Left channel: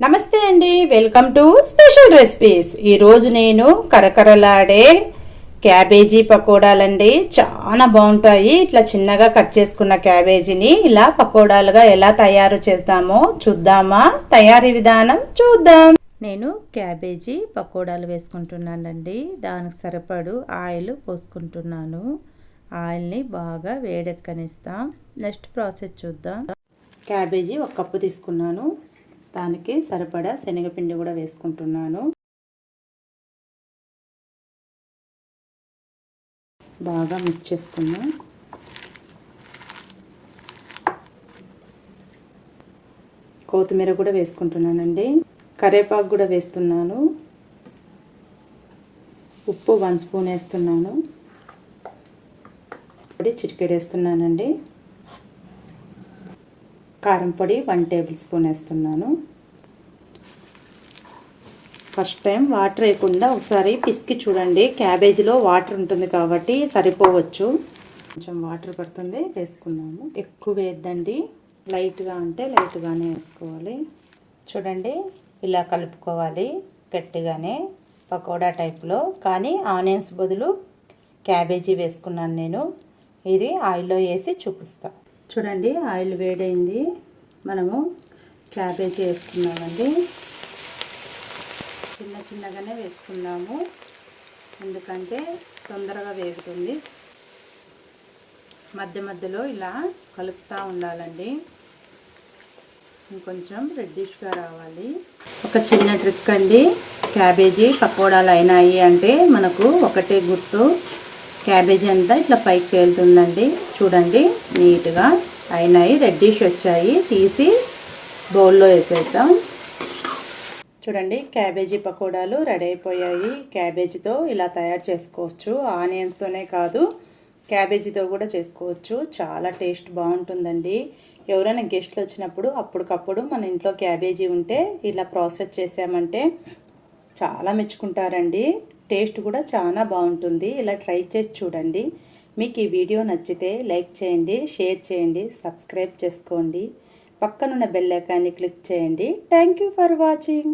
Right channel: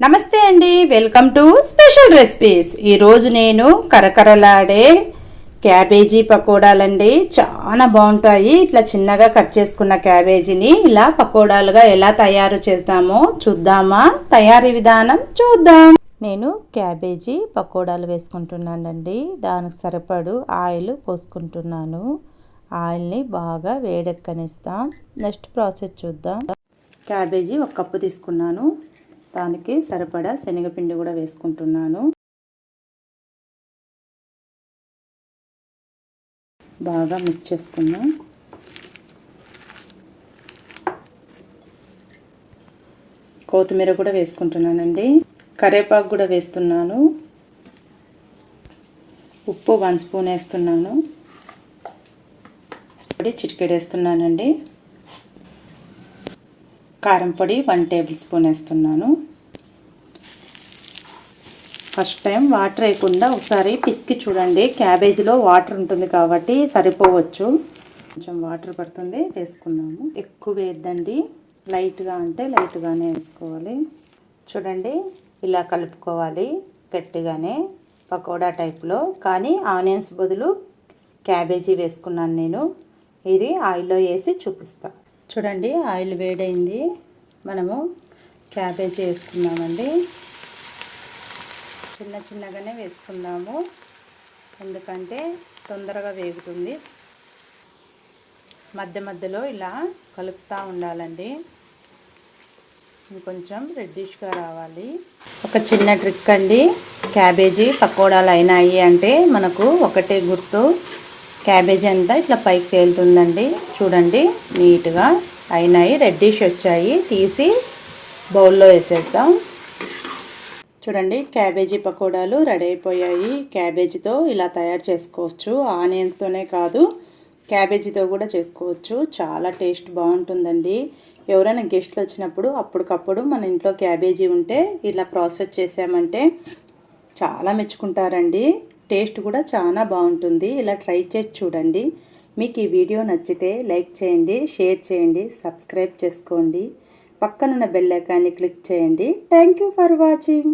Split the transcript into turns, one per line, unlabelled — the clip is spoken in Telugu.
నమస్తే అండి వెల్కమ్ టు స్పెషల్ రెసిపీస్. ఈరోజు నేను కరకరలాడే క్యాబేజీ పకోడాలండి. చాలా బాగుంటాయి. ఇట్లా చిన్నగా కట్ చేసుకున్న క్యాబేజీని ఇలా పకోడాలుగా ఎలా తయారు చేద్దామో చూద్దామా? తయారీ విధానం చూద్దాం. నేను క్యాబేజీ పకోడాలు వేసుకుంటున్నానండి. దానికి సరిపడు ఆయిల్ పోసుకుంటున్నాను. ఆయిల్ని బాగా వేడెక్కనిస్తాం. నెక్స్ట్ ప్రాసెస్ చూద్దాం. క్యాబేజీ ఒక కప్పు తీసుకున్నాను. దానికి సరిపడా శనగపిండి కూడా వేసుకుంటున్నాను. బాగా మిక్స్ చేసుకున్నాం. కొత్తిమీర కూడా వేసుకుంటున్నానండి. కరేపాకు కూడా వేస్తున్నాను. ఉప్పు వన్ స్పూన్ వేస్తున్నాను. పొడి చిటికెడు వేస్తున్నానండి. కారం పొడి వన్ టేబుల్ స్పూన్ వేస్తున్నాను. ఫస్ట్ టైం వాటర్ వేయకుండా ఒకసారి పిసికి చూడండి. క్యాబేజీలో వాటర్ ఉంటుంది కాబట్టి సరిపోవచ్చు. కొంచెం వాటర్ పడుతుంది వేసుకున్నాము ఎక్కువ వేద్దండి లైట్గా అంటే లైట్గానే వేసుకోవాలి. చూడండి ఇలా కలుపుకోవాలి గట్టిగానే పకోడా టైప్లో. కానీ ఆనియన్స్ బదులు క్యాబేజీ వేసుకున్నాను నేను. ఇది ఆయిల్లో వేసి చూపిస్తా. చూడండి ఆయిల్ వేడైంది. మనము క్యాబేజీ వేసుకున్నామండి చిన్న చిన్నగానే వేసుకున్నాము ఎందుకంటే తొందరగా వేగుతుంది. మధ్య మధ్యలో ఇలా కలుపుతూ ఉండాలండి. ఇంకొంచెం రెడ్డిష్గా రావాలి. ఒక చిన్న ట్రిక్ అండి. క్యాబేజీ పకోడాలు అయినాయి అంటే మనకు ఒకటి గుర్తు. క్యాబేజీ అంతా ఇట్లా పైకి తేలుతుందండి. చూడండి నీట్గా. అయినాయి రెడ్డిష్ వచ్చాయి తీసి బౌల్లో వేసేద్దాం. చూడండి క్యాబేజీ పకోడాలు రెడీ అయిపోయాయి. క్యాబేజీతో ఇలా తయారు చేసుకోవచ్చు. ఆనియన్స్తోనే కాదు క్యాబేజీతో కూడా చేసుకోవచ్చు. చాలా టేస్ట్ బాగుంటుందండి. ఎవరైనా గెస్ట్లు వచ్చినప్పుడు అప్పటికప్పుడు మన ఇంట్లో క్యాబేజీ ఉంటే ఇలా ప్రాసెస్ చేసామంటే చాలా మెచ్చుకుంటారండి. టేస్ట్ కూడా చాలా బాగుంటుంది. ఇలా ట్రై చేసి చూడండి. మీకు ఈ వీడియో నచ్చితే లైక్ చేయండి షేర్ చేయండి సబ్స్క్రైబ్ చేసుకోండి. పక్కనున్న బెల్ ఐకాన్ని క్లిక్ చేయండి. Thank you for watching.